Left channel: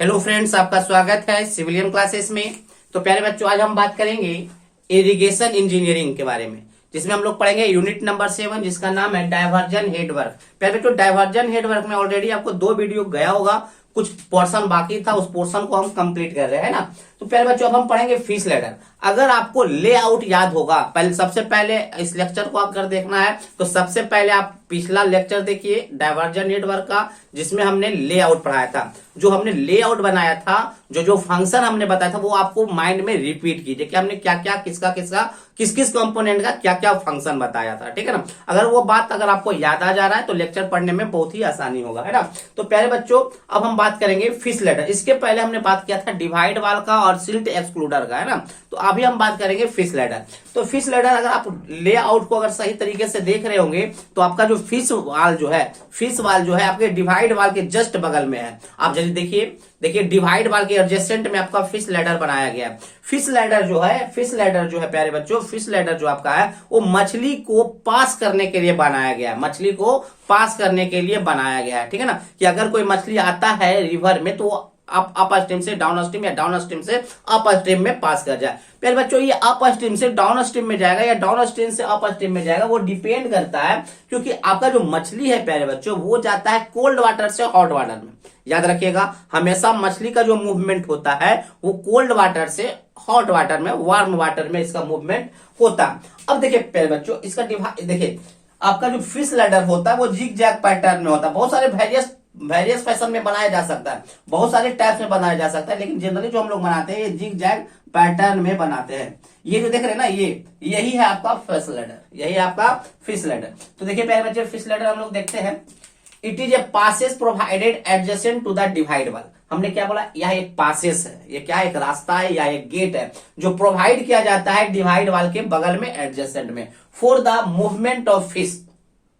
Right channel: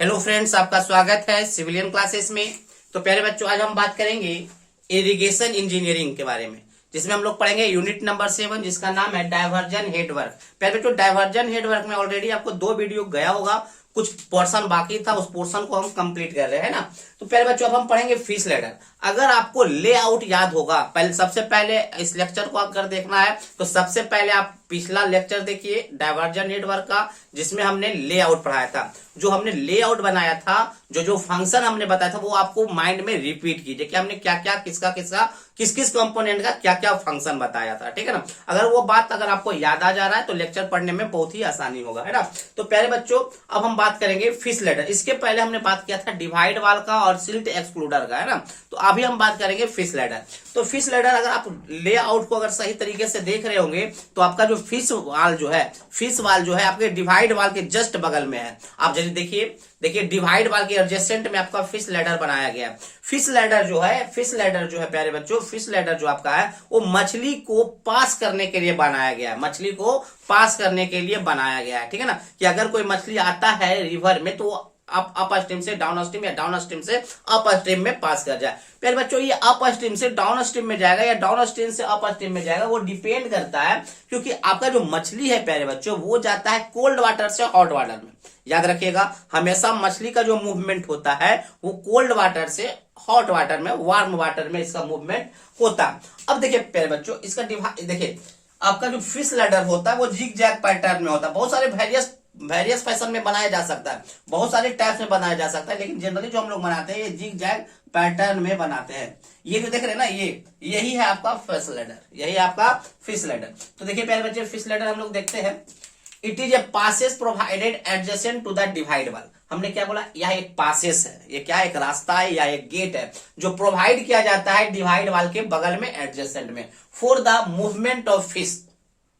Hello friends, आपका स्वागत है सिविलियन क्लासेस में। तो प्यारे बच्चों, आज हम बात करेंगे इरिगेशन इंजीनियरिंग के बारे में, जिसमें हम लोग पढ़ेंगे यूनिट नंबर 7, जिसका नाम है डायवर्जन हेडवर्क। प्यारे बच्चों, डायवर्जन हेडवर्क में ऑलरेडी आपको 2 वीडियो गया होगा, कुछ पोर्शन बाकी था, उस पोर्शन को हम कंप्लीट कर रहे हैं ना। तो प्यारे बच्चों, अब हम पढ़ेंगे फिश लैडर। अगर आपको लेआउट याद होगा, पहले सबसे पहले इस लेक्चर को अगर देखना है तो सबसे पहले आप पिछला लेक्चर देखिए डायवर्जन नेटवर्क का, जिसमें हमने लेआउट पढ़ाया था। जो हमने लेआउट बनाया था, जो जो फंक्शन हमने बताया था, वो आपको माइंड में रिपीट कीजिए कि हमने क्या क्या किस किस कंपोनेंट का क्या क्या फंक्शन बताया था। ठीक है ना। अगर वो बात अगर आपको याद आ जा रहा है तो लेक्चर पढ़ने में बहुत ही आसानी होगा, है ना। तो प्यारे बच्चों, अब हम बात करेंगे फिश लैडर। इसके पहले हमने बात किया था डिवाइड वाल का और सिल्ट एक्सक्लूडर का, है ना। तो अभी हम बात करेंगे फिश लैडर। तो फिश लैडर अगर आप लेआउट को अगर सही तरीके से देख रहे होंगे तो आपका जो फिश वाल जो है आपके डिवाइड वाल के जस्ट बगल में है। आप जल्दी देखिए डिवाइड वाल के एडजेसेंट में आपका फिश लैडर बनाया गया है। फिश लैडर जो है प्यारे बच्चों, फिश लैडर जो आपका है वो मछली को पास करने के लिए बनाया गया है। मछली को पास करने के लिए बनाया गया है, ठीक है ना। कि अगर कोई मछली आता है रिवर में तो आप अप स्ट्रीम से डाउन स्ट्रीम या डाउन स्ट्रीम से अप स्ट्रीम में पास कर जाए। प्यारे बच्चों, ये अप स्ट्रीम से डाउन स्ट्रीम में जाएगा या डाउन स्ट्रीम से अप स्ट्रीम में जाएगा, वो डिपेंड करता है, क्योंकि आपका जो मछली है प्यारे बच्चों, वो जाता है कोल्ड वाटर से हॉट वाटर में। याद रखिएगा, हमेशा मछली का जो मूवमेंट होता है वो कोल्ड वाटर से हॉट वाटर में, वार्म वाटर में इसका मूवमेंट होता है। अब देखिए प्यारे बच्चों, इसका देखिए आपका जो फिश लैडर होता है वो जिग जैग पैटर्न में होता है। बहुत सारे वेरियस फैशन में बनाया जा सकता है, बहुत सारे टाइप्स में बनाया जा सकता है, लेकिन जनरली जो हम लोग बनाते हैं ये जिग जैग पैटर्न में बनाते हैं। ये जो देख रहे हैं ना, यही है आपका फिश लैडर, यही आपका फिश लैडर। तो देखिए प्यारे बच्चे, फिश लैडर हम लोग देखते हैं। It is a passes provided adjacent to the divide wall. हमने क्या बोला, यह एक पासेस है, ये क्या है, एक रास्ता है या एक गेट है जो प्रोवाइड किया जाता है डिवाइड वाल के बगल में एडजेसेंट में, for the movement of fish,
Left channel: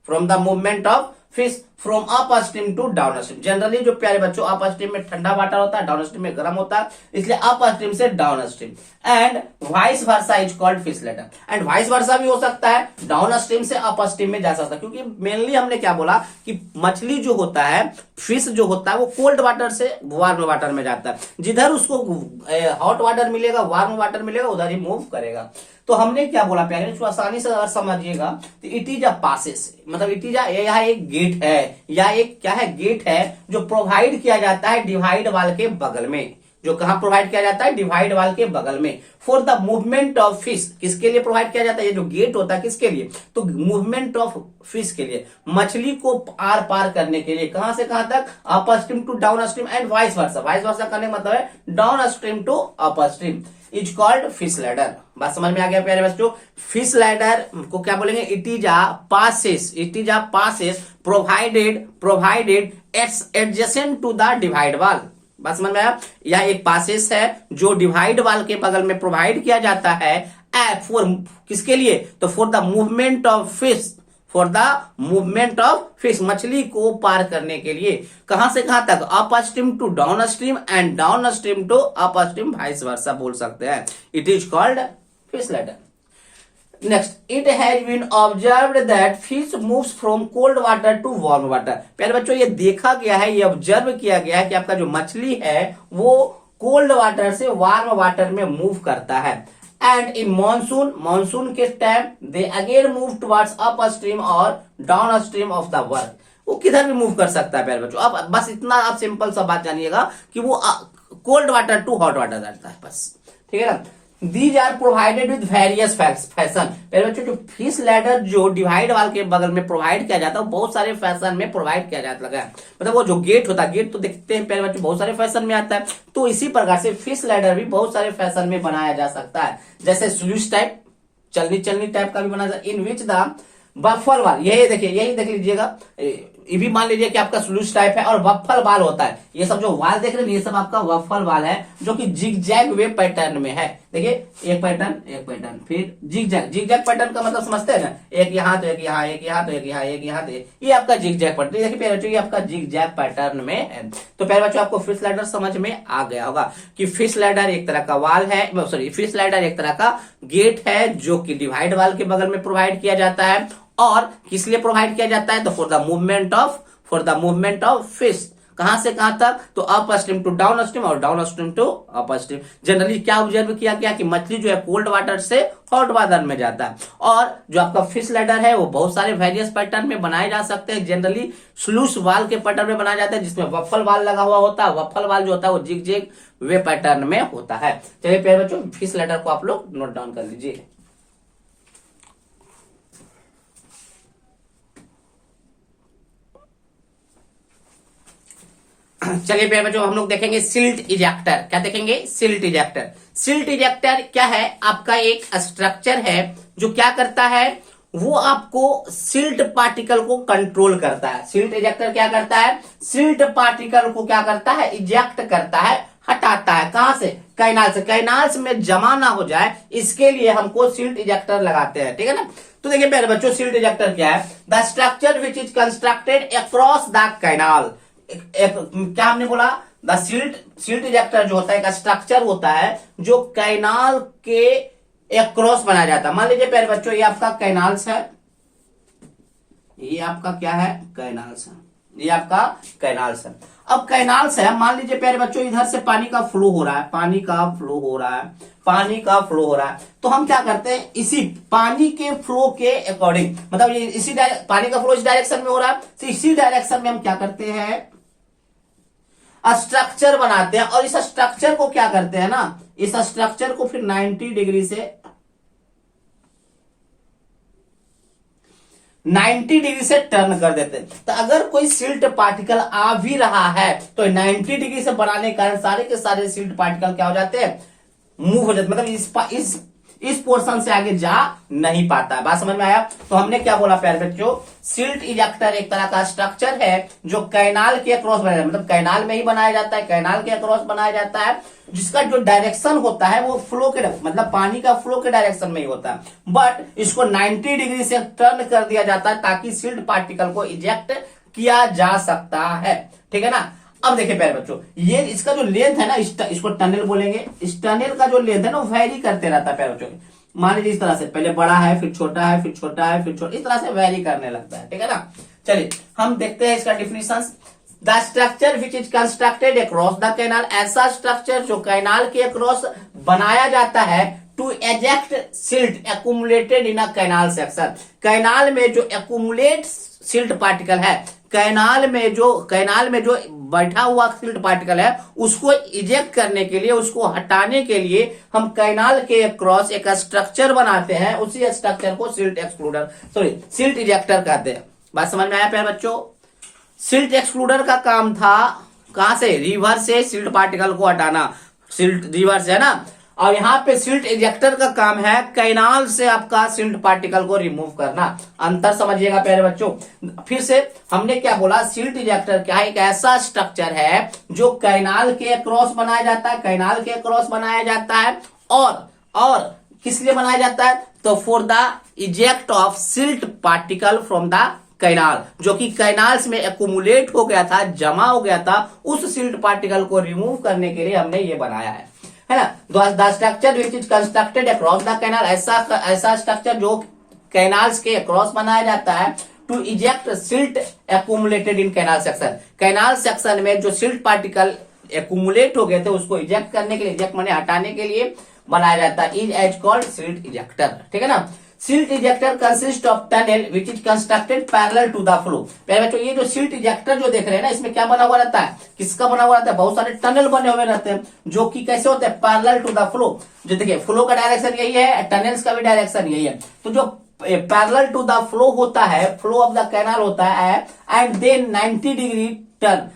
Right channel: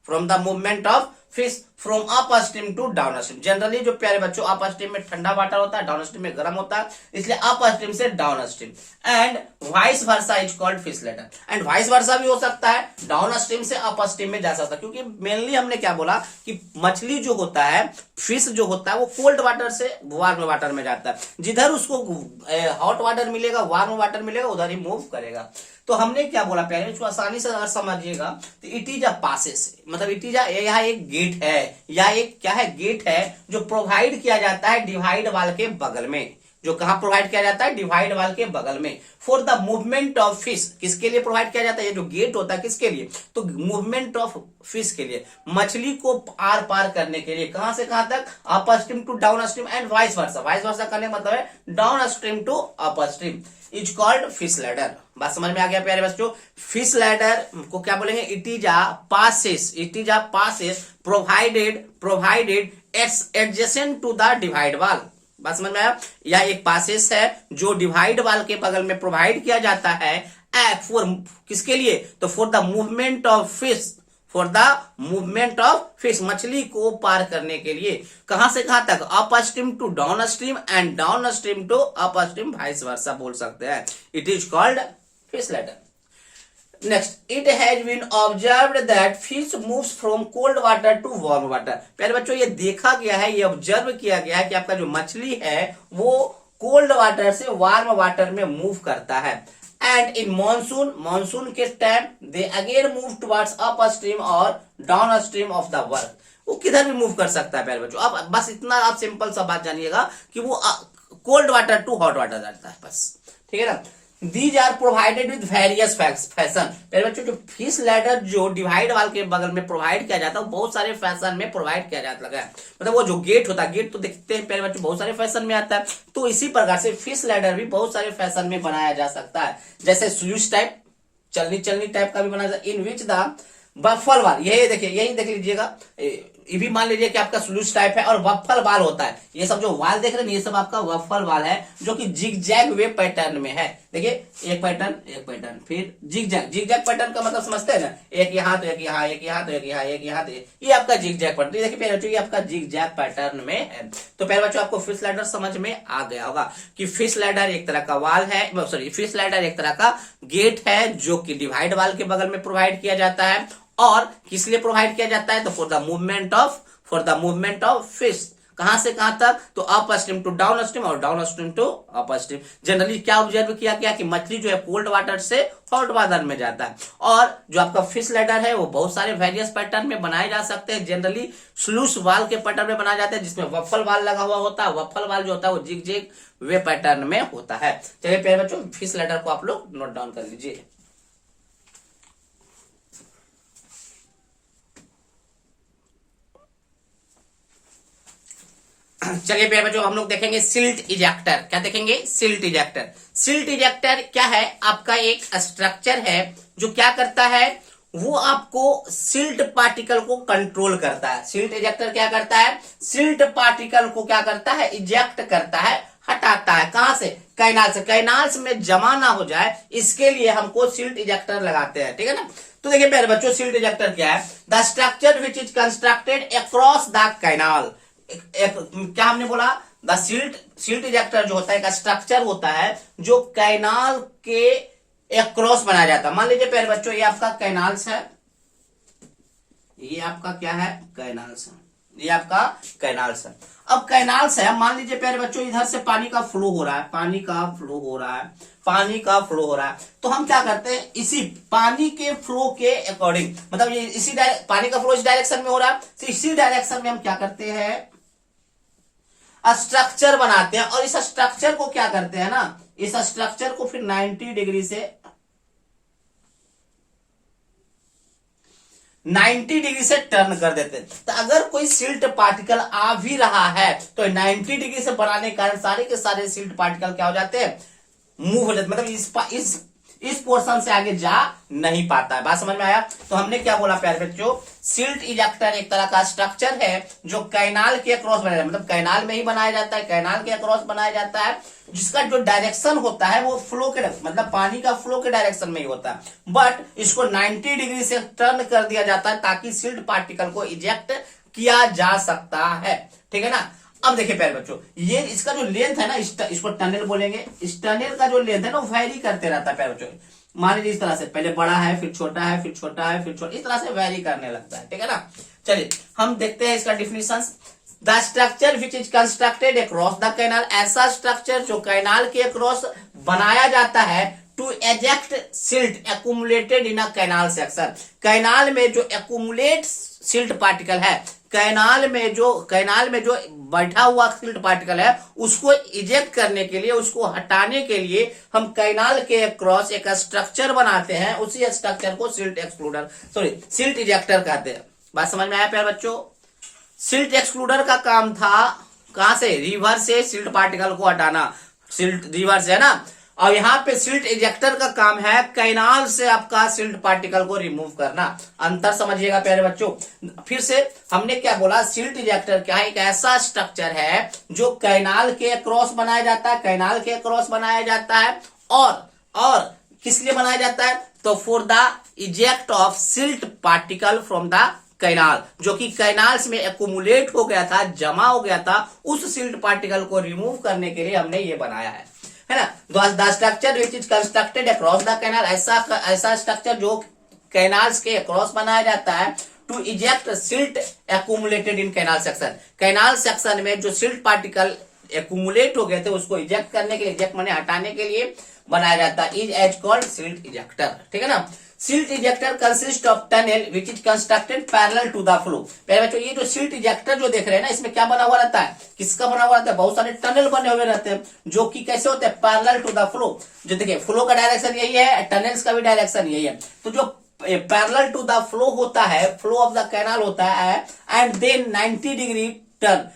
from the movement of fish from up stream to down stream. Generally जो प्यारे बच्चों अप स्ट्रीम में ठंडा वाटर होता है, डाउन स्ट्रीम में गर्म होता है, इसलिए अप स्ट्रीम से down stream. And vice versa is called fish ladder. And vice वर्सा भी हो सकता है, डाउन स्ट्रीम से अप स्ट्रीम में जा सकता है, क्योंकि मेनली हमने क्या बोला कि मछली जो होता है, फिश जो होता है, वो कोल्ड वाटर से वार्म वाटर में जाता है। जिधर उसको हॉट वाटर मिलेगा, वार्म वाटर मिलेगा, उधर ही मूव करेगा। तो हमने क्या बोला प्यारे बच्चों, आसानी से अगर समझिएगा तो इट इज अ पासेस, मतलब इट इज यहाँ एक गेट है या एक क्या है, गेट है जो प्रोवाइड किया जाता है डिवाइड वाल के बगल में। जो कहां प्रोवाइड किया जाता है, डिवाइड वाल के बगल में, for the movement of fish. किसके लिए प्रोवाइड किया जाता है, ये जो गेट होता है किसके लिए, तो मूवमेंट ऑफ फिश के लिए, मछली को आर पार करने के लिए। कहां से कहां तक, up stream to down stream and vice versa. Vice versa करने का मतलब है down stream to up stream is called fish ladder. बात समझ में आ गया प्यारे बच्चों। फिश लैडर को क्या बोलेंगे, it is a passes provided adjacent to the divide wall. बात समझ में आया। यह एक पासेस है जो डिवाइड वाल के बगल में प्रोवाइड किया जाता है, फॉर किसके लिए, तो for the movement of fish, मछली को पार करने के लिए। कहां से कहां तक, up stream to down stream and down stream to up stream, vice versa बोल सकते हैं। It is called fish ladder. Next, it has been observed that fish moves from cold water to warm water. प्यारे बच्चों, ये देखा गया है, ये ऑब्जर्व किया गया है कि आपका जो मछली है वो कोल्ड वाटर से वार्म वाटर में मूव करता है। एंड इन मानसून के time they again move towards upstream और downstream of the work. वो किधर भी मूव कर सकता है प्यारे बच्चों। अब बस इतना आप सिंपल सा बात जानिएगा कि वो cold water to hot water जाता है, बस। ठीक है ना। These are provided with various fashion. मेरे बच्चों, जो फिश लैडर जो डिवाइड वाल के बगल में प्रोवाइड किया जाता है, बहुत सारे फैशन में प्रोवाइड किया जाता है। मतलब वो जो गेट होता है, गेट तो देखते हैं प्यारे बच्चों बहुत सारे फैशन में आता है, तो इसी प्रकार से फिश लैडर भी बहुत सारे फैशन में बनाया जा सकता है। जैसे स्लूइस टाइप, चलनी टाइप का भी बनाया जाता है, इन विच द वफल वाल, यही देख लीजिएगा, ये भी मान लीजिए कि आपका स्लूइस टाइप है और वफल वाल होता है। ये सब जो वाल देख रहे हैं, ये सब आपका वफल वाल है, जो कि जिग जैग वे पैटर्न में है। देखिए एक पैटर्न, फिर जिग जैग पैटर्न का मतलब समझते हैं ना, एक यहाँ तो एक यहाँ, एक यहाँ तो एक यहाँ, एक यहाँ तो ये आपका जिग जैग पैटर्न। देखिए प्यारे बच्चों, ये आपका जिग जैग पैटर्न में है। तो प्यारे बच्चों, आपको फिश लैडर समझ में आ गया होगा कि फिश लैडर एक तरह का वाल है, सॉरी, फिश लैडर एक तरह का गेट है जो कि डिवाइड वाल के बगल में प्रोवाइड किया जाता है। और किस लिए प्रोवाइड किया जाता है, तो for the movement of fish कहां से कहां तक, तो up stream to down stream और down stream to up stream. Generally क्या ऑब्जर्व किया गया कि मछली जो है कोल्ड वाटर से हॉट वाटर में जाता है। और जो आपका फिश लैडर है वो बहुत सारे वेरियस पैटर्न में बनाए जा सकते हैं। जनरली स्लूस वाल के पैटर्न में बनाया जाता है, जिसमें वफल वाल लगा हुआ होता है। वफल वाल जो होता है वो जिग जिग वे पैटर्न में होता है। चलिए प्यारे बच्चों, फिश लैडर को आप लोग नोट डाउन कर लीजिए। चलिए प्यारे बच्चों, हम लोग देखेंगे सिल्ट इजेक्टर। क्या देखेंगे? Silt ejector. सिल्ट इजेक्टर क्या है? आपका एक स्ट्रक्चर है जो क्या करता है, वो आपको सिल्ट पार्टिकल को कंट्रोल करता है। सिल्ट इजेक्टर क्या करता है? सिल्ट पार्टिकल को क्या करता है? इजेक्ट करता है, हटाता है। कहां से? कैनाल से। कैनाल्स में जमा ना हो जाए इसके लिए हमको सिल्ट इजेक्टर लगाते हैं, ठीक है ना। तो देखिए प्यारे बच्चों, सिल्ट इजेक्टर क्या है? The structure which is constructed across the canal. क्या हमने बोला? द सिल्ट इजेक्टर जो होता है एक स्ट्रक्चर होता है जो कैनाल के अक्रॉस बनाया जाता है। मान लीजिए प्यारे बच्चों, ये आपका कैनाल्स है, ये आपका क्या है? कैनाल्स है। ये आपका कैनाल्स है। अब कैनाल्स है, मान लीजिए प्यारे बच्चों इधर से पानी का फ्लो हो रहा है, पानी का फ्लो हो रहा है, पानी का फ्लो हो रहा है। तो हम क्या करते हैं, इसी पानी के फ्लो के अकॉर्डिंग, मतलब ये इसी पानी का फ्लो इस डायरेक्शन में हो रहा है, तो इसी डायरेक्शन में हम क्या करते हैं? स्ट्रक्चर बनाते हैं। और इस स्ट्रक्चर को क्या करते हैं ना, इस स्ट्रक्चर को फिर 90 डिग्री से 90 डिग्री से टर्न कर देते हैं। तो अगर कोई सिल्ट पार्टिकल आ भी रहा है तो 90 डिग्री से बनाने के कारण सारे के सारे सिल्ट पार्टिकल क्या हो जाते हैं? मूव हो जाते, मतलब इस पोर्शन से आगे जा नहीं पाता है। बात समझ में आया? तो हमने क्या बोला प्यारे बच्चों, सिल्ट इजेक्टर एक तरह का स्ट्रक्चर है जो कैनाल के अक्रॉस बनाया जाता है, मतलब कैनाल में ही बनाया जाता है, कैनाल के अक्रॉस बनाया जाता है, जिसका जो डायरेक्शन होता है वो फ्लो के, मतलब पानी का फ्लो के डायरेक्शन में ही होता है। बट इसको 90 डिग्री से टर्न कर दिया जाता है ताकि सिल्ट पार्टिकल को इजेक्ट किया जा सकता है, ठीक है ना। अब देखिए प्यारे बच्चों, ये इसका जो लेंथ है ना, इसको टनल बोलेंगे। इस टनल का जो लेंथ है ना, वो वैरी करते रहता है प्यारे बच्चों। मान लीजिए इस तरह से पहले बड़ा है, फिर छोटा है, फिर छोटा है, फिर छोटा, इस तरह से वैरी करने लगता है, ठीक है ना। चलिए हम देखते हैं इसका definition. The structure which is constructed across the canal, ऐसा स्ट्रक्चर जो कैनाल के अक्रॉस बनाया जाता है to eject silt accumulated in a canal section. Canal में जो एक्यूमुलेट सिल्ट पार्टिकल है, कैनाल में जो बैठा हुआ सिल्ट पार्टिकल है, उसको इजेक्ट करने के लिए, उसको हटाने के लिए हम कैनाल के क्रॉस एक स्ट्रक्चर बनाते हैं। उसी स्ट्रक्चर को सिल्ट इजेक्टर कहते हैं। बात समझ में आया प्यारे बच्चों? सिल्ट एक्सक्लूडर का काम था कहां से? रिवर से सिल्ट पार्टिकल को हटाना, सिल्ट रिवर से है ना। और यहां पे सिल्ट इजेक्टर का काम है कैनाल से आपका सिल्ट पार्टिकल को रिमूव करना। अंतर समझिएगा प्यारे बच्चों। फिर से हमने क्या बोला, सिल्ट इजेक्टर क्या है? एक ऐसा स्ट्रक्चर है जो कैनाल के क्रॉस बनाया जाता है, कैनाल के क्रॉस बनाया जाता है। और किस लिए बनाया जाता है? तो for the eject of silt particle from the canal, जो कि कैनाल्स में एक्यूमुलेट हो गया था, जमा हो गया था, उस सिल्ट पार्टिकल को रिमूव करने के लिए हमने ये बनाया है ना। The structure which is constructed across the canal, ऐसा स्ट्रक्चर जो कैनाल्स के अक्रॉस बनाया जाता है to eject silt accumulated in canal section. Canal section में जो सिल्ट पार्टिकल एक्यूमुलेट हो गए थे उसको इजेक्ट करने के लिए, इजेक्ट माने हटाने के लिए बनाया जाता है, is as called silt ejector, ठीक है ना। Silt ejector consist of tunnel which is constructed parallel to the flow. पहले बच्चों ये जो सिल्ट इजेक्टर जो देख रहे हैं ना, इसमें क्या बना हुआ रहता है? किसका बना हुआ रहता है? बहुत सारे टनल बने हुए रहते हैं जो कि कैसे होते हैं? Parallel to the flow. जो देखिए फ्लो का डायरेक्शन यही है, टनल्स का भी डायरेक्शन यही है। तो जो पैरेलल टू द फ्लो होता है, फ्लो ऑफ द कैनाल होता है, and then 90 degree turn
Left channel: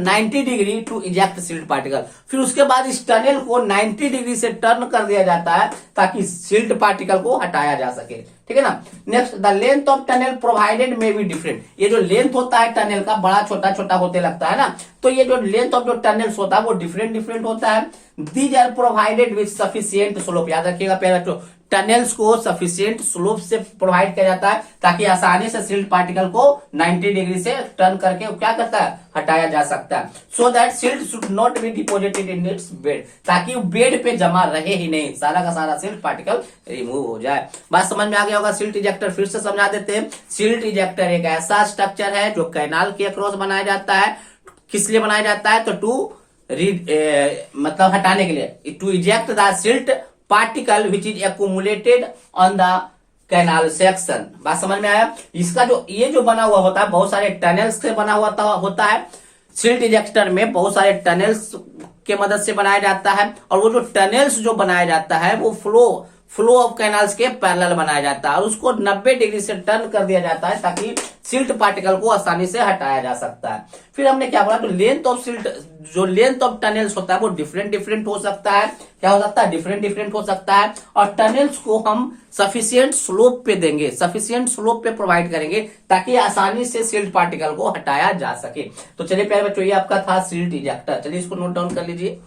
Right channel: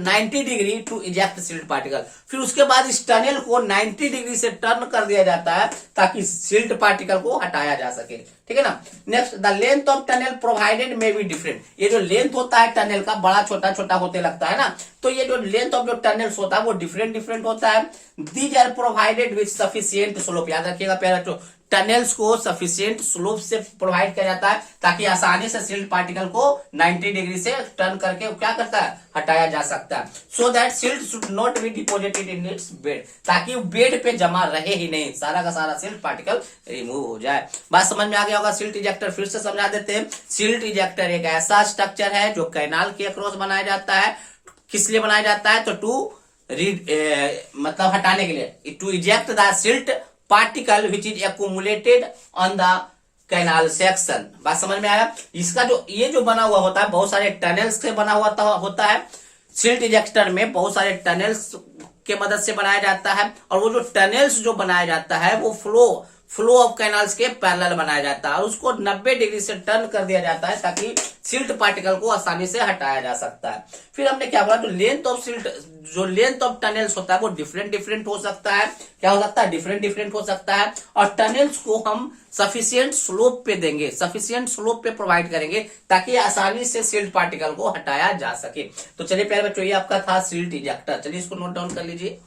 90 degree to eject silt particle. फिर उसके बाद इस टनल को 90 डिग्री से टर्न कर दिया जाता है ताकि सिल्ट पार्टिकल को हटाया जा सके, ठीक है ना। Next, the length of tunnel provided में बी डिफरेंट। ये जो लेंथ होता है टनल का, बड़ा छोटा छोटा होते लगता है ना, तो ये जो लेंथ ऑफ जो टनल्स होता है वो डिफरेंट होता है। These are provided with sufficient slope. याद रखिएगा प्यारे बच्चों, टनल्स को सफिशिएंट स्लोप से प्रोवाइड किया जाता है ताकि आसानी से सिल्ट पार्टिकल को 90 डिग्री से टर्न करके क्या करता है? हटाया जा सकता है। So that silt should not be deposited in its bed, ताकि बेड पे जमा रहे ही नहीं, सारा का सारा सिल्ट पार्टिकल रिमूव हो जाए। बात समझ में आ गया होगा। सिल्ट इजेक्टर फिर से समझा देते हैं। सिल्ट इजेक्टर एक ऐसा स्ट्रक्चर है जो कैनाल के अक्रॉस बनाया जाता है किस लिए बनाया जाता है? तो मतलब हटाने के लिए, to eject the silt particle which is accumulated on the canal section. बात समझ में आया? इसका जो ये जो बना हुआ होता है बहुत सारे टनल्स से बना हुआ होता है। सिल्ट इजेक्टर में बहुत सारे टनल्स के मदद से बनाया जाता है, और वो जो टनल्स जो बनाया जाता है वो फ्लो ऑफ कैनाल्स के पैरेलल बनाया जाता है, और उसको 90 डिग्री से टर्न कर दिया जाता है ताकि सिल्ट पार्टिकल को आसानी से हटाया जा सकता है। फिर हमने क्या बोला, तो लेंथ ऑफ सिल्ट, जो लेंथ ऑफ टनल्स होता है वो डिफरेंट हो सकता है। क्या हो सकता है? डिफरेंट हो सकता है। और टनल्स को हम सफिशियंट स्लोप पे देंगे, सफिशियंट स्लोप पे प्रोवाइड करेंगे ताकि आसानी से सिल्ट पार्टिकल को हटाया जा सके। तो चलिए प्यारे बच्चों, ये आपका था सिल्ट इजेक्टर। चलिए इसको नोट डाउन कर लीजिए।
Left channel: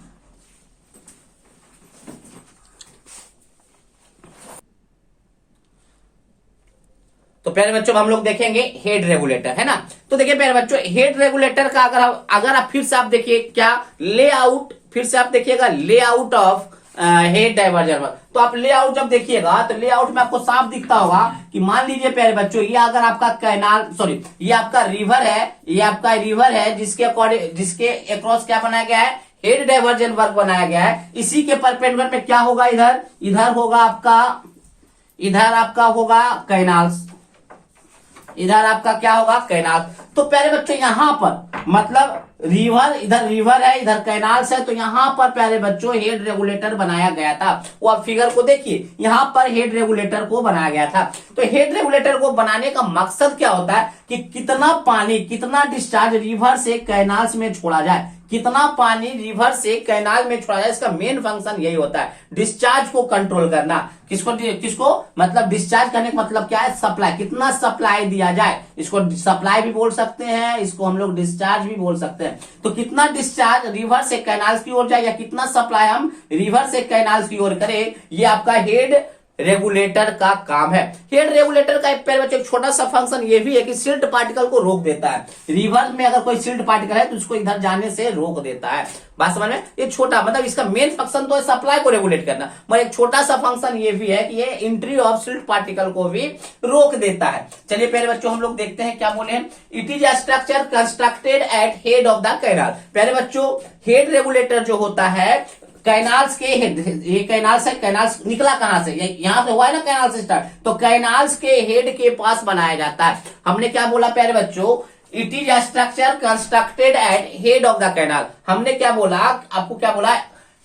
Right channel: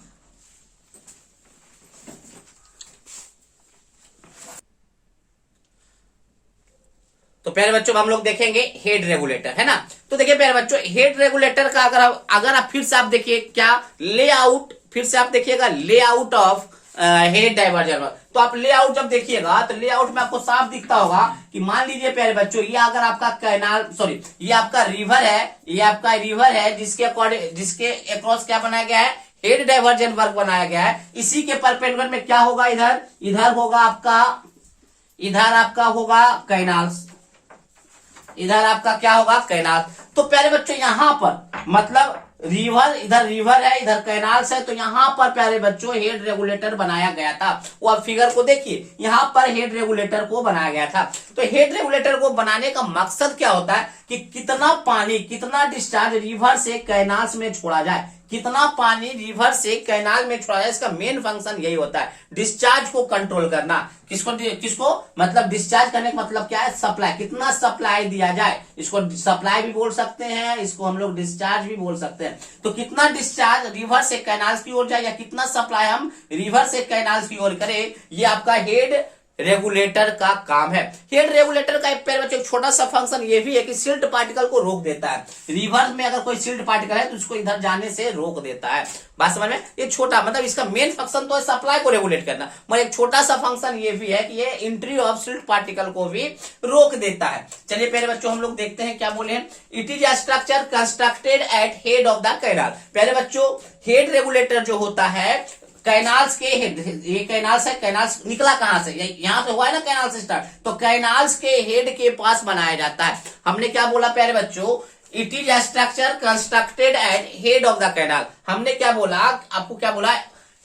तो प्यारे बच्चों हम लोग देखेंगे हेड रेगुलेटर, है ना। तो देखिए प्यारे बच्चों, हेड रेगुलेटर का अगर आप फिर से आप देखिए क्या लेआउट, फिर से आप देखिएगा लेआउट ऑफ हेड डाइवर्जन। तो आप लेआउट जब देखिएगा तो लेआउट में आपको साफ दिखता होगा कि मान लीजिए प्यारे बच्चों, ये अगर आपका कैनाल, सॉरी ये आपका रिवर है, ये आपका रिवर है जिसके अकॉर्डिंग, जिसके अक्रॉस क्या बनाया गया है? हेड डाइवर्जन वर्क बनाया गया है। इसी के परपेंडिकुलर में क्या होगा? इधर होगा आपका, इधर आपका होगा कैनाल्स, इधर आपका क्या होगा? कैनाल। तो प्यारे बच्चों यहां पर मतलब रिवर, इधर रिवर है, इधर कैनाल्स है, तो यहां पर प्यारे बच्चों हेड रेगुलेटर बनाया गया था। वो आप फिगर को देखिए, यहां पर हेड रेगुलेटर को बनाया गया था। तो हेड रेगुलेटर को बनाने का मकसद क्या होता है कि कितना पानी, कितना डिस्चार्ज रिवर से कैनाल्स में छोड़ा जाए, कितना पानी रिवर से कैनाल में छोड़ा जाए। इसका मेन फंक्शन यही होता है, डिस्चार्ज को कंट्रोल करना। किसको मतलब डिस्चार्ज करने का मतलब क्या है? सप्लाई, कितना सप्लाई दिया जाए। इसको सप्लाई भी बोल सकते हैं, इसको हम लोग डिस्चार्ज भी बोल सकते हैं। तो कितना डिस्चार्ज रिवर से कैनाल्स की ओर जाए या कितना सप्लाई हम रिवर से कैनाल्स की ओर करें, ये आपका हेड रेगुलेटर का काम है। हेड रेगुलेटर का एक छोटा सा फंक्शन ये भी है कि सिल्ट पार्टिकल को रोक देता है। रिवर में अगर कोई सिल्ट पार्टिकल है तो उसको इधर जाने से रोक देता है। बात समझ में? ये छोटा मतलब इसका मेन फंक्शन तो है सप्लाई को रेगुलेट करना, मगर एक छोटा सा फंक्शन ये भी है कि ये एंट्री ऑफ सिल्ट पार्टिकल को भी रोक देता है। चलिए प्यारे बच्चों हम लोग देखते हैं क्या बोले। It is a structure constructed at head of the canal. प्यारे बच्चों हेड रेगुलेटर जो होता है कैनाल्स के हेड, ये कैनाल्स है, कैनाल्स निकला कहां से? यहां से हुआ है ना कैनाल से स्टार्ट, तो कैनाल्स के हेड के पास बनाया जाता है। हमने क्या बोला प्यारे बच्चों? It is a structure constructed at head of the canal. हमने क्या बोला? आपको क्या बोला?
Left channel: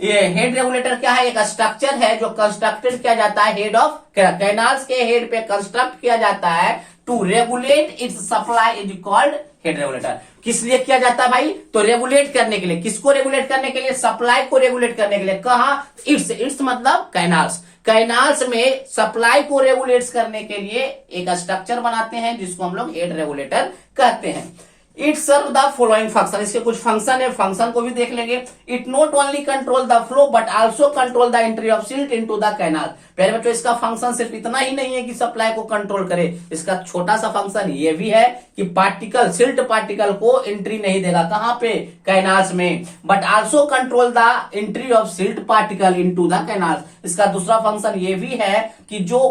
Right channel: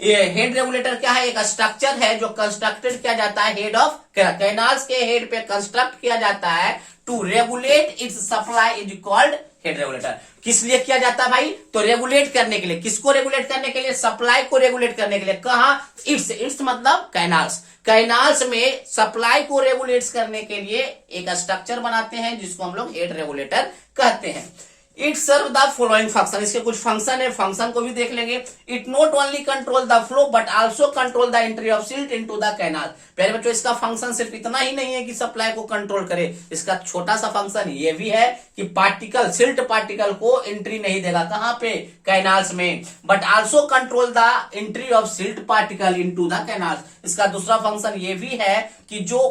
ये हेड रेगुलेटर क्या है? एक स्ट्रक्चर है जो कंस्ट्रक्टेड किया जाता है हेड ऑफ कैनाल्स के हेड पे कंस्ट्रक्ट किया जाता है to regulate its supply, is called head regulator. किस लिए किया जाता है भाई? तो रेगुलेट करने के लिए। किसको रेगुलेट करने के लिए? सप्लाई को रेगुलेट करने के लिए। कहा? इट्स मतलब कैनाल्स, कैनाल्स में सप्लाई को रेगुलेट करने के लिए एक स्ट्रक्चर बनाते हैं जिसको हम लोग हेड रेगुलेटर कहते हैं। It serve the following function, इसके कुछ फंक्शन है, फंक्शन को भी देख लेंगे। It not only control the flow but also control the entry of silt into the canal. पहले बच्चों इसका फंक्शन सिर्फ इतना ही नहीं है कि सप्लाई को कंट्रोल करे, इसका छोटा सा फंक्शन ये भी है कि पार्टिकल, सिल्ट पार्टिकल को एंट्री नहीं देगा। कहां पे? कैनाल्स में। But also control the entry of silt particle into the canals. इसका दूसरा फंक्शन ये भी है कि जो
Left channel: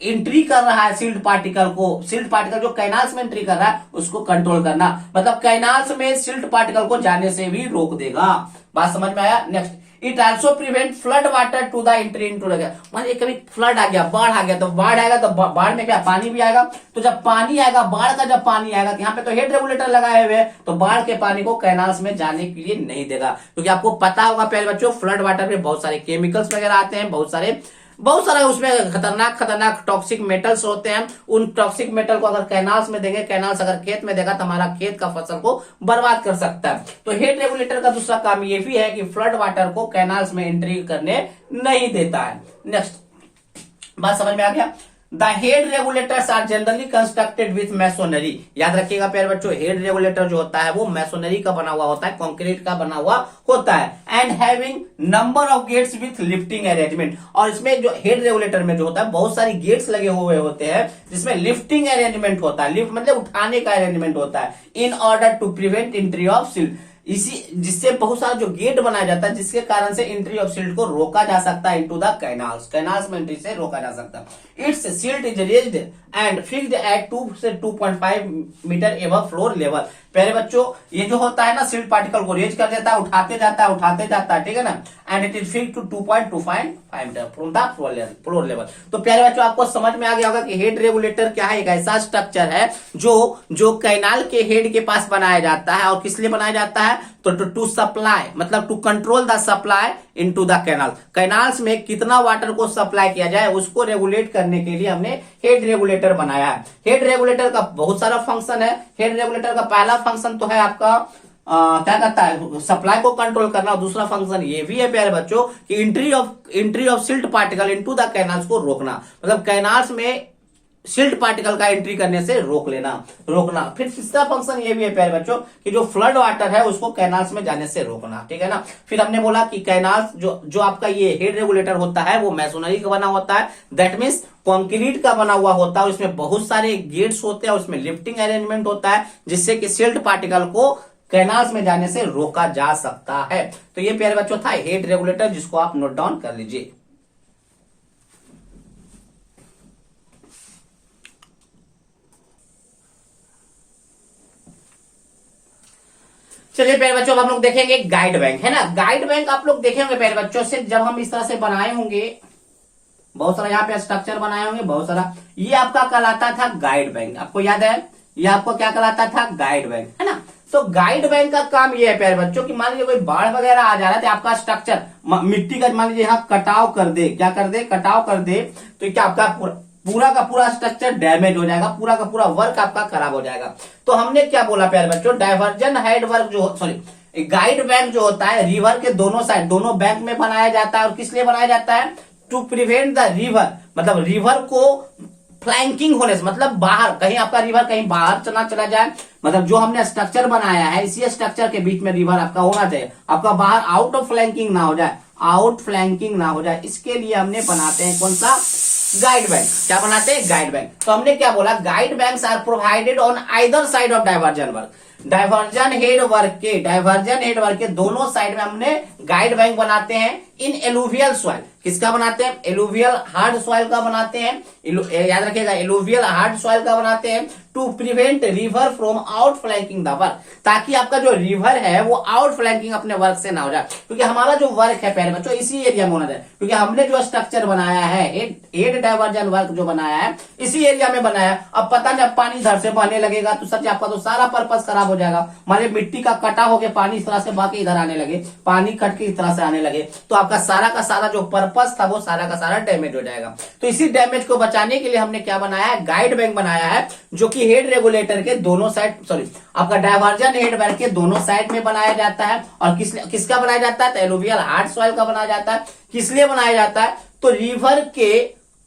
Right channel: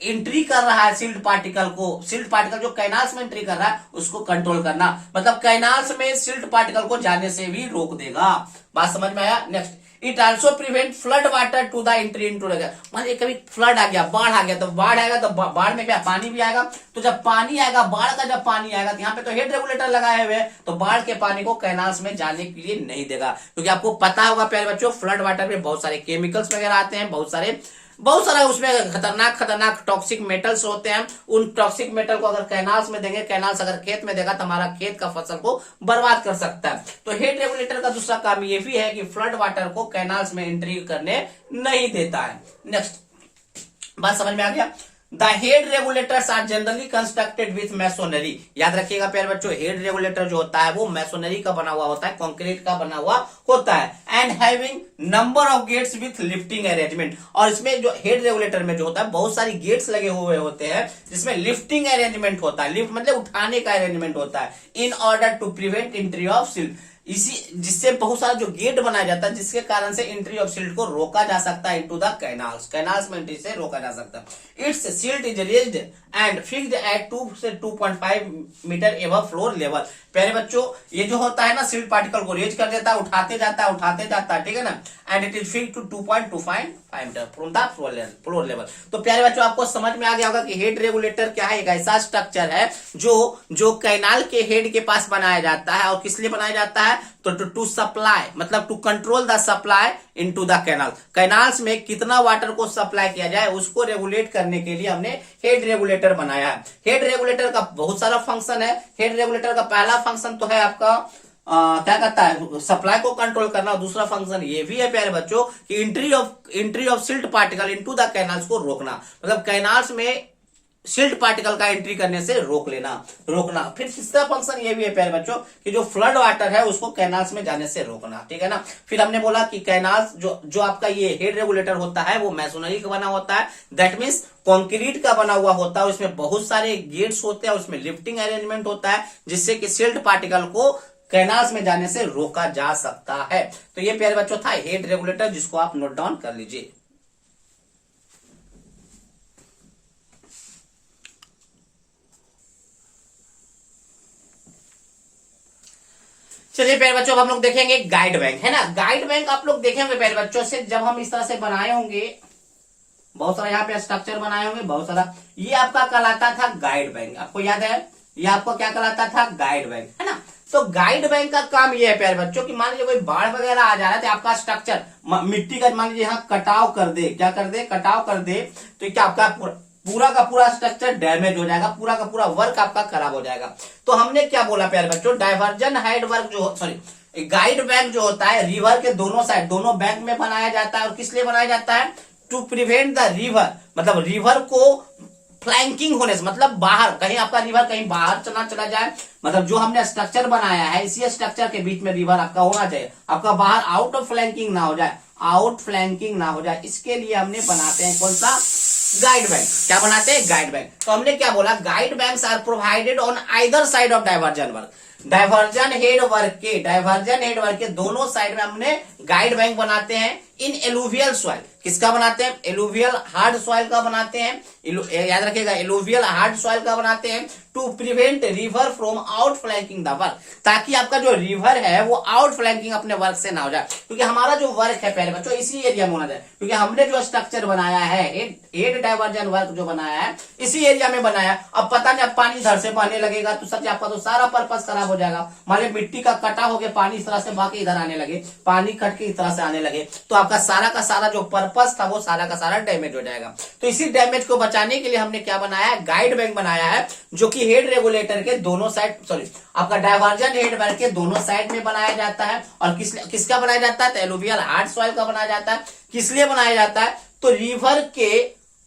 एंट्री कर रहा है सिल्ट पार्टिकल को, सिल्ट पार्टिकल जो कैनाल्स में एंट्री कर रहा है उसको कंट्रोल करना, मतलब कैनाल्स में सिल्ट पार्टिकल को जाने से भी रोक देगा। बात समझ में आया? Next, it also prevent flood water to the entry into the, मान कभी फ्लड आ गया, बाढ़ आ गया, तो बाढ़ आएगा तो बाढ़ में क्या पानी भी आएगा, तो जब पानी आएगा, बाढ़ का जब पानी आएगा तो यहाँ पे तो हेड रेगुलेटर लगाए हुए तो बाढ़ के पानी को कैनाल्स में जाने के लिए नहीं देगा। क्योंकि आपको पता होगा प्यारे बच्चों फ्लड वाटर में बहुत सारे केमिकल्स वगैरह आते हैं, बहुत सारा उसमें खतरनाक टॉक्सिक मेटल्स होते हैं। उन टॉक्सिक मेटल को अगर कैनाल्स में देंगे, कैनाल्स अगर खेत में देगा तो हमारा खेत का फसल को बर्बाद कर सकता है। तो हेड रेगुलेटर का दूसरा काम ये भी है कि फ्लड वाटर को कैनाल्स में एंट्री करने नहीं देता है। नेक्स्ट, बात समझ में आ गया? The head regulators are generally constructed with masonry. याद रखिएगा प्यारे बच्चों, हेड रेगुलेटर जो होता है वो मैसोनरी का बना हुआ होता है, कंक्रीट का बना हुआ होता है। And having number of gates with lifting arrangement. और इसमें जो हेड रेगुलेटर में जो होता है बहुत सारी गेट्स लगे हुए होते हैं जिसमें लिफ्टिंग अरेंजमेंट होता है। लिफ्ट मतलब उठाने का अरेंजमेंट होता है in order to prevent entry of silt. इसी जिससे बहुत सारा जो गेट बनाया जाता है जिसके कारण से एंट्री ऑफ सिल्ट को रोका जा सकता है इनटू द कैनाल्स, कैनाल्स में एंट्री से रोका जा सकता है। It's silt is raised and fixed at 2 से 2.5 मीटर एबव फ्लोर लेवल। प्यारे बच्चों ये जो होता है ना सिल्ट पार्टिकल को रेज कर देता है, उठाते जाता है, ठीक है ना, and it is fill to 2.25 metre from the floor level. तो प्यारे बच्चों आपको समझ में आ गया होगा कि हेड रेगुलेटर क्या है, एक ऐसा स्ट्रक्चर है जो कैनाल के हेड के पास बनाया जाता है। और किस लिए बनाया जाता है, तो टू सप्लाई, मतलब to control the supply into the canal, canals में कितना वाटर को सप्लाई किया जाए उसको रेगुलेट करने के लिए हमने हेड रेगुलेटर बनाया है। हेड रेगुलेटर का बहुत सारा फंक्शन है। हेड रेगुलेटर का पहला फंक्शन तो है आपका क्या कहता है, सप्लाई को कंट्रोल करना। और दूसरा फंक्शन ये भी है प्यारे बच्चों कि entry of silt particle into the canals को रोकना, मतलब कैनाल्स में सिल्ट पार्टिकल का एंट्री करने से रोकना। फिर तीसरा फंक्शन ये भी है प्यारे बच्चों कि जो फ्लड वाटर है उसको कैनाल्स में जाने से रोकना, ठीक है ना। फिर हमने बोला कि कैनाल्स जो आपका ये हेड रेगुलेटर होता है वो मैसोनरी का बना होता है, दैट मीन्स कंक्रीट का बना हुआ होता है। उसमें बहुत सारे गेट्स होते हैं, उसमें लिफ्टिंग अरेंजमेंट होता है जिससे कि सिल्ट पार्टिकल को कैनाल्स में जाने से रोका जा सकता है। तो ये प्यारे बच्चों था हेड रेगुलेटर, जिसको आप नोट डाउन कर लीजिए। चलिए प्यारे बच्चों अब हम लोग देखेंगे गाइड बैंक, है ना। गाइड बैंक आप लोग देखेंगे प्यारे बच्चों से, जब हम इस तरह से बनाए होंगे, बहुत सारा यहाँ पे स्ट्रक्चर बनाए होंगे, बहुत सारा, ये आपका कहलाता था गाइड बैंक। आपको याद है ये आपको क्या कहलाता था, गाइड बैंक, है ना। तो गाइड बैंक का काम ये है प्यारे बच्चों कि मान लीजिए कोई बाढ़ वगैरह आ जा रहा है तो आपका स्ट्रक्चर मिट्टी का मान लीजिए यहाँ कटाव कर दे, क्या कर दे, कटाव कर दे, तो क्या आपका पूरा का पूरा स्ट्रक्चर डैमेज हो जाएगा, पूरा का पूरा वर्क आपका खराब हो जाएगा। तो हमने क्या बोला प्यारे बच्चों, डाइवर्जन हेड वर्क जो सॉरी गाइड बैंक जो होता है रिवर के दोनों साइड, दोनों बैंक में बनाया जाता है। और किस लिए बनाया जाता है, टू प्रिवेंट द रिवर, मतलब रिवर को फ्लैंकिंग होने से, मतलब बाहर कहीं आपका रिवर कहीं बाहर चला जाए, मतलब जो हमने स्ट्रक्चर बनाया है इसी स्ट्रक्चर के बीच में रिवर आपका होना चाहिए, आपका बाहर आउट ऑफ फ्लैंकिंग ना हो जाए, आउट फ्लैंकिंग ना हो जाए, इसके लिए हमने बनाते हैं कौन सा, गाइड बैंक। क्या बनाते हैं, गाइड बैंक। तो हमने क्या बोला, guide banks are provided on either side of diversion work, diversion head work के दोनों साइड में हमने गाइड बैंक बनाते हैं। इन एलुवियल सॉइल, किसका बनाते हैं, एलुवियल हार्ड सॉइल का बनाते हैं, याद रखिएगा एलुवियल हार्ड सॉइल का बनाते हैं, to prevent river from outflanking the work, ताकि आपका जो रिवर है वो आउट फ्लैंकिंग अपने वर्क से ना हो जाए। क्योंकि हमारा जो वर्क है प्यारे बच्चों इसी एरिया में होना चाहिए, क्योंकि हमने जो स्ट्रक्चर बनाया है हेड डाइवर्जन वर्क जो बनाया है इसी एरिया में बनाया। अब पता नहीं पानी इधर से बहने लगेगा तो सच आपका तो सारा पर्पस खराब हो जाएगा। मान लीजिए मिट्टी का कटा होकर पानी इस तरह से बह के इधर आने लगे, पानी कट के इस तरह से आने लगे, तो आपका सारा का सारा जो पर्पस था वो सारा का सारा डैमेज हो जाएगा। तो इसी डैमेज को बचाने के लिए हमने क्या बनाया है, गाइड बैंक बनाया है, जो कि हेड रेगुलेटर के दोनों साइड आपका डाइवर्जन हेड बैंक के दोनों साइड में बनाया जाता है। और किसका बनाया जाता है, तो एलुवियल हार्ड सॉइल का बनाया जाता है। किस लिए बनाया जाता है, तो रिवर के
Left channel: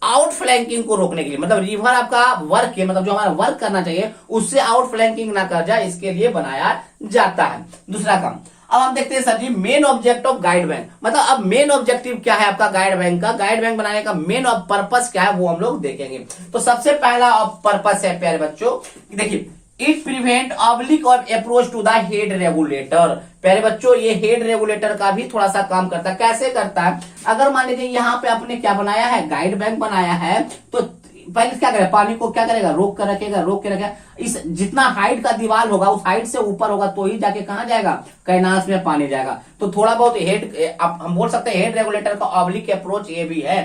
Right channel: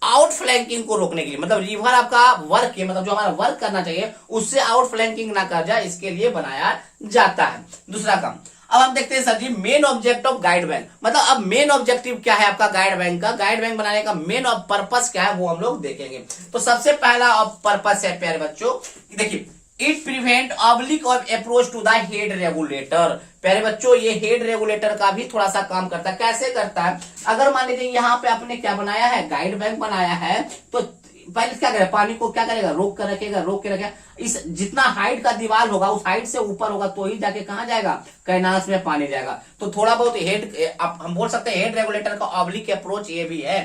आउट फ्लैंकिंग को रोकने के लिए, मतलब रिवर आपका वर्क के, मतलब जो हमारा वर्क करना चाहिए उससे आउट फ्लैंकिंग ना कर जाए, इसके लिए बनाया जाता है। दूसरा काम अब हम देखते हैं sir ji, main object of guide bank, मतलब अब मेन ऑब्जेक्टिव क्या है आपका गाइड बैंक का, गाइड बैंक बनाने का मेन पर्पस क्या है वो हम लोग देखेंगे। तो सबसे पहला पर्पस है प्यारे बच्चों, देखिए it prevent oblique of approach to the head regulator. प्यारे बच्चों ये हेड रेगुलेटर का भी थोड़ा सा काम करता है। कैसे करता है, अगर मान लीजिए यहाँ पे आपने क्या बनाया है, गाइड बैंक बनाया है, तो पहले क्या करेगा, पानी को क्या करेगा, रोक के रखेगा। इस जितना हाइट का दीवार होगा उस हाइट से ऊपर होगा तो ही जाके कहाँ जाएगा, कैनाल्स में पानी जाएगा। तो थोड़ा बहुत हेड हम बोल सकते हैं हेड रेगुलेटर का ऑब्लिक अप्रोच ये भी है।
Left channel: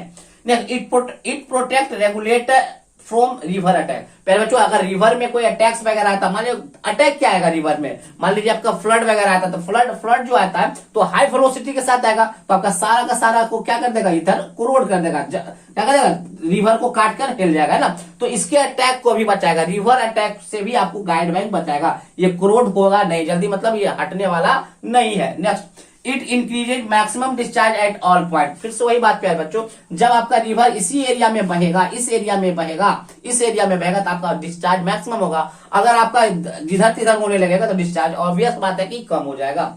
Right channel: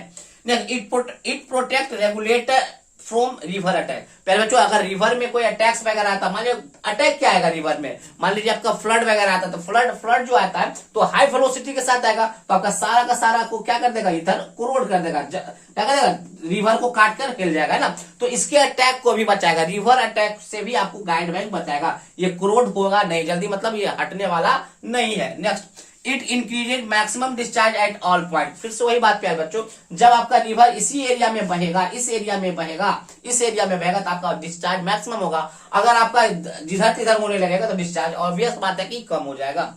It protect regulator from river attack. पहले बच्चों अगर रिवर में कोई अटैक्स वगैरह आता, मान लीजिए अटैक क्या आएगा रिवर में, मान लीजिए आपका फ्लड वगैरह आता, तो फ्लड जो आता है तो हाई वेलोसिटी के साथ आएगा, तो आपका सारा का सारा को क्या कर देगा, इधर कोरोड कर देगा, क्या करेगा, रिवर को काट कर हिल जाएगा, है ना। तो इसके अटैक को भी बचाएगा, रिवर अटैक से भी आपको गाइड बैंक बचाएगा। ये कोरोड होगा नहीं जल्दी, मतलब ये हटने वाला नहीं है। Next it increases maximum discharge at all point. फिर से वही बात पे है बच्चों, जब आपका रिवर इसी एरिया में बहेगा, इस एरिया में बहेगा तो आपका डिस्चार्ज मैक्सिमम होगा। अगर आपका जिधर तिधर होने लगेगा तो डिस्चार्ज ऑब्वियस बात है कि कम हो जाएगा।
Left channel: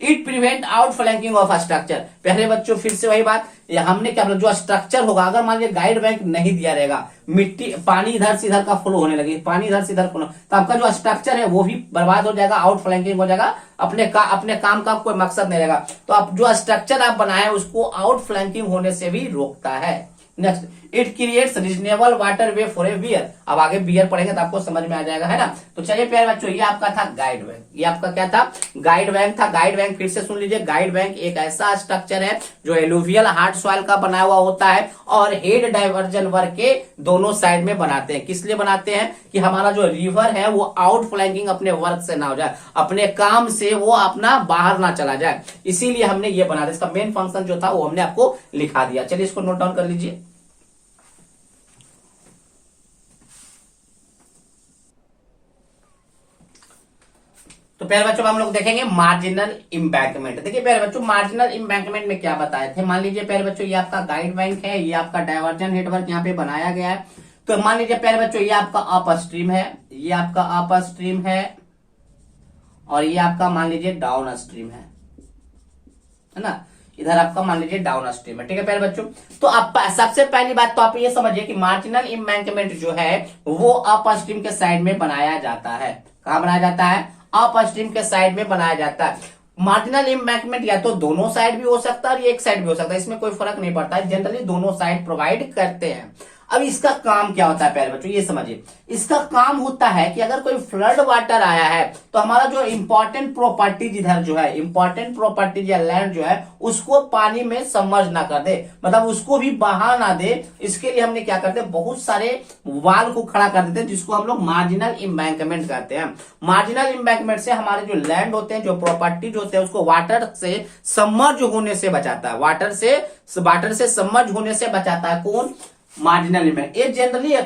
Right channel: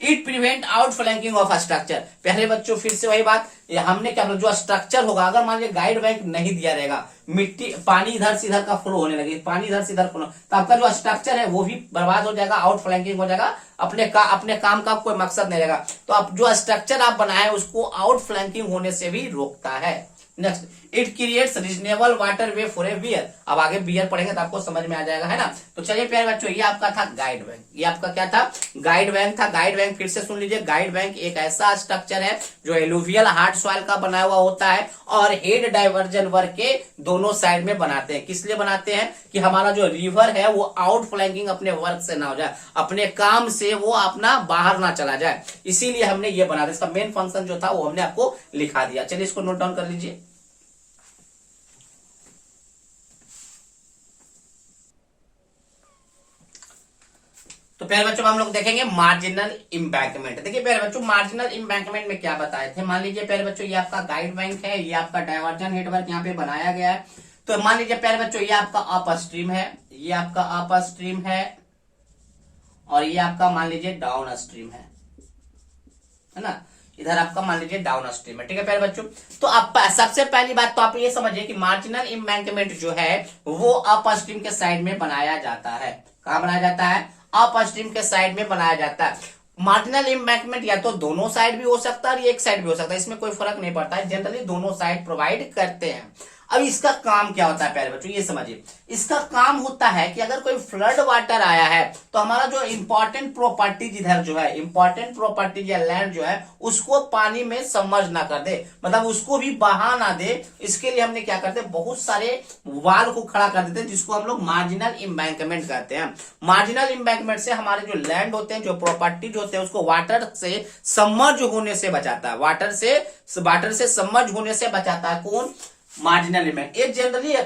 It prevent out flanking of structure. पहले बच्चों फिर से वही बात, हमने क्या बोला, जो स्ट्रक्चर होगा, अगर मान लीजिए गाइड बैंक नहीं दिया रहेगा, मिट्टी पानी इधर से इधर का फ्लो होने लगे, पानी इधर से इधर फ्लो, तो आपका जो स्ट्रक्चर है वो भी बर्बाद हो जाएगा, आउट फ्लैंकिंग हो जाएगा, अपने काम का कोई मकसद नहीं रहेगा। तो आप जो स्ट्रक्चर आप बनाए उसको आउट फ्लैंकिंग होने से भी रोकता है। Next it creates reasonable water way for a weir. अब आगे बियर पढ़ेंगे तो आपको समझ में आ जाएगा, है ना। तो चलिए प्यारे बच्चों, ये आपका था गाइड बैंक। ये आपका क्या था? गाइड बैंक था। गाइड बैंक फिर से सुन लीजिए, गाइड बैंक एक ऐसा स्ट्रक्चर है जो एलुवियल हार्ड सॉइल का बना हुआ होता है और हेड डाइवर्जन वर्क के दोनों साइड में बनाते हैं। किस लिए बनाते हैं? कि हमारा जो रिवर है वो आउट फ्लैंकिंग अपने वर्क से ना हो जाए, अपने काम से वो अपना बाहर ना चला जाए, इसीलिए हमने ये बना दिया। इसका मेन फंक्शन जो था वो हमने आपको लिखा दिया। चलिए इसको नोट डाउन कर लीजिए। तो प्यारे बच्चों हम लोग देखेंगे मार्जिनल इम्बैंकमेंट। देखिए प्यारे बच्चों, मार्जिनल इम्बैंकमेंट में क्या बताए थे। मान लीजिए प्यारे बच्चों, ये आपका गाइड बैंक है, ये आपका डाइवर्जन हेडवर्क यहाँ पे बनाया गया है। तो मान लीजिए प्यारे बच्चों, ये आपका अप स्ट्रीम है, ये आपका अप स्ट्रीम है और ये आपका मान लीजिए डाउन स्ट्रीम है ना। इधर आपका मान लीजिए डाउन स्ट्रीम है, ठीक है प्यारे बच्चों। तो आप सबसे पहली बात तो आप ये समझिए कि मार्जिनल इम्बैंकमेंट जो है वो अप स्ट्रीम के साइड में बनाया जाता है। कहां बनाया जाता है? अप स्ट्रीम के साइड में बनाया जाता है। मार्जिनल इम्बैंकमेंट या तो दोनों साइड भी हो सकता है और एक साइड भी हो सकता है, इसमें कोई फर्क नहीं पड़ता है, जनरली दोनों साइड प्रोवाइड करते हैं। अब इसका काम क्या होता है प्यारे बच्चों, ये समझिए। इसका काम होता है कि अगर कोई फ्लड वाटर आया है तो हमारा जो इंपॉर्टेंट प्रॉपर्टीज इधर जो है, इंपॉर्टेंट प्रॉपर्टीज या लैंड जो है उसको पानी में सबमर्ज ना कर दे, मतलब उसको भी बहा ना दे। इसके लिए हमने क्या करते हैं, बहुत सारे वाल को खड़ा कर देते हैं, जिसको हम लोग मार्जिनल इम्बैंकमेंट कहते हैं। मार्जिनल इम्बैंकमेंट से हमारे जो लैंड होते हैं, जो प्रॉपर्टीज होते हैं, उसको वाटर से सबमर्ज होने से बचाता है। वाटर से सबमर्ज होने से बचाता है। कौन? मार्जिनल इम्बैंक। ये जनरली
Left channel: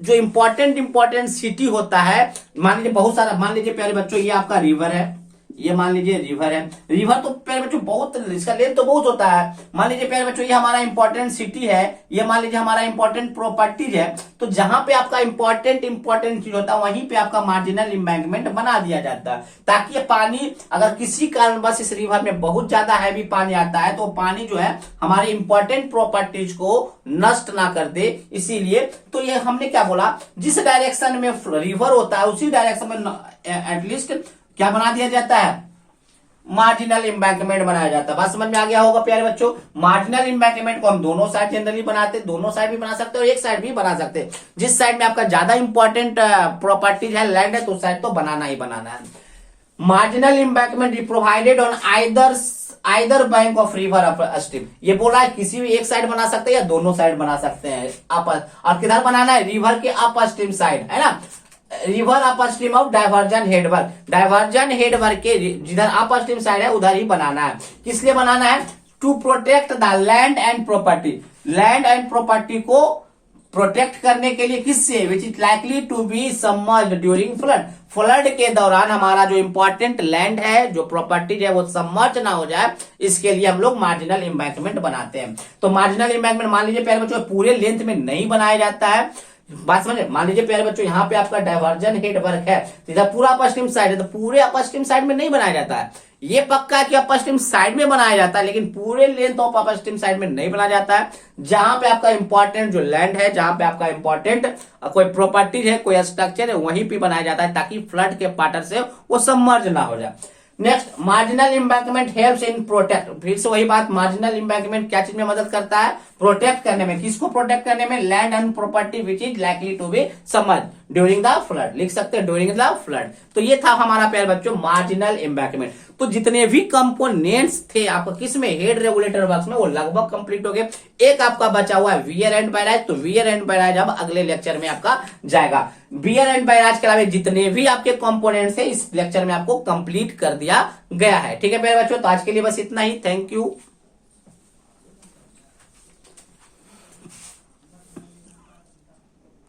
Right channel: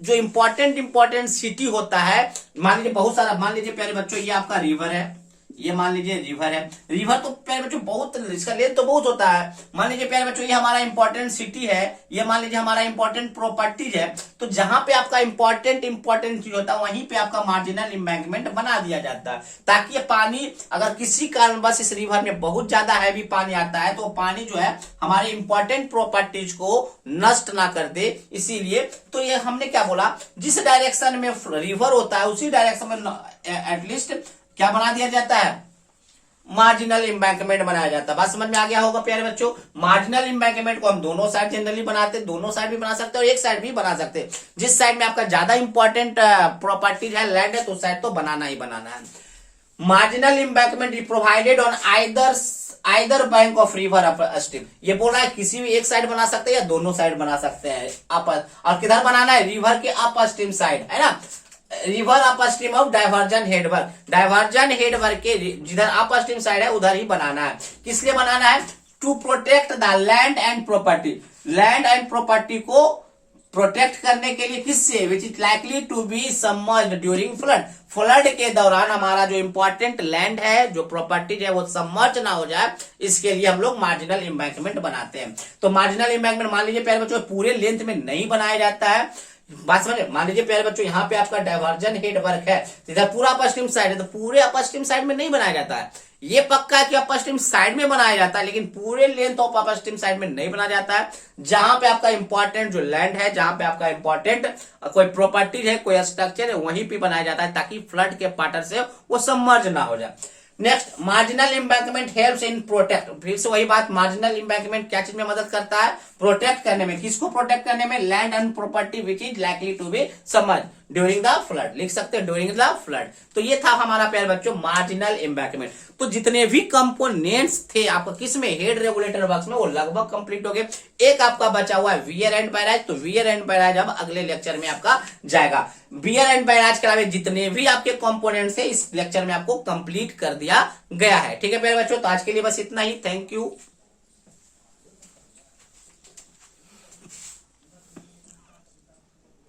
जो इंपॉर्टेंट सिटी होता है, मान लीजिए बहुत सारा, मान लीजिए प्यारे बच्चों ये आपका रिवर है, ये मान लीजिए रिवर है। रिवर तो प्यारे बच्चों बहुत, इसका लेंथ तो बहुत होता है। मान लीजिए प्यारे बच्चों ये हमारा इंपॉर्टेंट सिटी है, ये मान लीजिए हमारा इंपॉर्टेंट प्रॉपर्टीज है। तो जहां पे आपका इंपॉर्टेंट चीज होता है वहीं पे आपका मार्जिनल इम्बैंकमेंट बना दिया जाता है, ताकि ये पानी अगर किसी कारणवश इस रिवर में बहुत ज्यादा हैवी पानी आता है तो पानी जो है हमारे इंपॉर्टेंट प्रॉपर्टीज को नष्ट ना कर दे। इसीलिए तो ये हमने क्या बोला, जिस डायरेक्शन में रिवर होता है उसी डायरेक्शन में एटलीस्ट क्या बना दिया जाता है, मार्जिनल इम्बैंकमेंट बनाया जाता है। बात समझ में आ गया होगा प्यारे बच्चों। मार्जिनल इम्बैंकमेंट को हम दोनों साइड जनरली बनाते हैं, दोनों साइड भी बना सकते हैं और एक साइड भी बना सकते हैं। जिस साइड में आपका ज्यादा इंपॉर्टेंट प्रॉपर्टीज है, लैंड है, तो उस साइड तो बनाना ही बनाना है। Marginal embankment is provided on either bank of river up stream. ये बोल रहा है किसी भी एक साइड बना सकते हैं या दोनों साइड बना सकते हैं। और किधर बनाना है? रिवर के अप स्ट्रीम साइड, है ना। River up stream of diversion headwork. Diversion headwork के जिधर अप स्ट्रीम साइड है उधर ही बनाना है। किस लिए बनाना है? To protect the land and property. Land and property को प्रोटेक्ट करने के लिए, किससे? Which is likely to be submerged during flood. Flood के दौरान हमारा जो इंपॉर्टेंट लैंड है, जो प्रॉपर्टीज है, वो सबमर्ज ना हो जाए, इसके लिए हम लोग मार्जिनल इम्बैंकमेंट बनाते हैं। तो मार्जिनल इम्बैंकमेंट मान लीजिए प्यारे बच्चों पूरे लेंथ में नहीं बनाया जाता है। बात समझे? मान लीजिए प्यारे बच्चों यहाँ पे आपका डाइवर्जन हेड वर्क है, इधर पूरा अपस्ट्रीम साइड है, तो पूरे अपस्ट्रीम साइड में नहीं बनाया जाता है। ये पक्का है कि अपस्ट्रीम साइड में बनाया जाता है, लेकिन पूरे लेंथ ऑफ अपस्ट्रीम साइड में नहीं बनाया जाता है। जहां पे आपका इंपॉर्टेंट जो लैंड है, जहां पे आपका इंपॉर्टेंट कोई प्रॉपर्टीज है, कोई स्ट्रक्चर है, वहीं पे बनाया जाता है, ताकि फ्लड के पाटर से वो सबमर्ज ना हो जाए। Next, marginal embankment helps in protect. फिर से वही बात, मार्जिनल इम्बैंकमेंट क्या चीज में मदद करता है? प्रोटेक्ट करने में। किसको प्रोटेक्ट करने में? Land and property which is likely to be submerge during the flood. लिख सकते हैं ड्यूरिंग द फ्लड। तो ये था हमारा प्यारे बच्चों मार्जिनल इम्बैंकमेंट। तो जितने भी कंपोनेंट्स थे आपको किसमें, हेड रेगुलेटर वर्क्स में, वो लगभग कंप्लीट हो गए। एक आपका बचा हुआ है वियर एंड बैराज। तो वियर एंड बैराज अब अगले लेक्चर में आपका जाएगा। वियर एंड बैराज के अलावा जितने भी आपके कंपोनेंट्स है इस लेक्चर में आपको कंप्लीट कर दिया गया है। ठीक है प्यारे बच्चों, तो आज के लिए बस इतना ही। Thank you.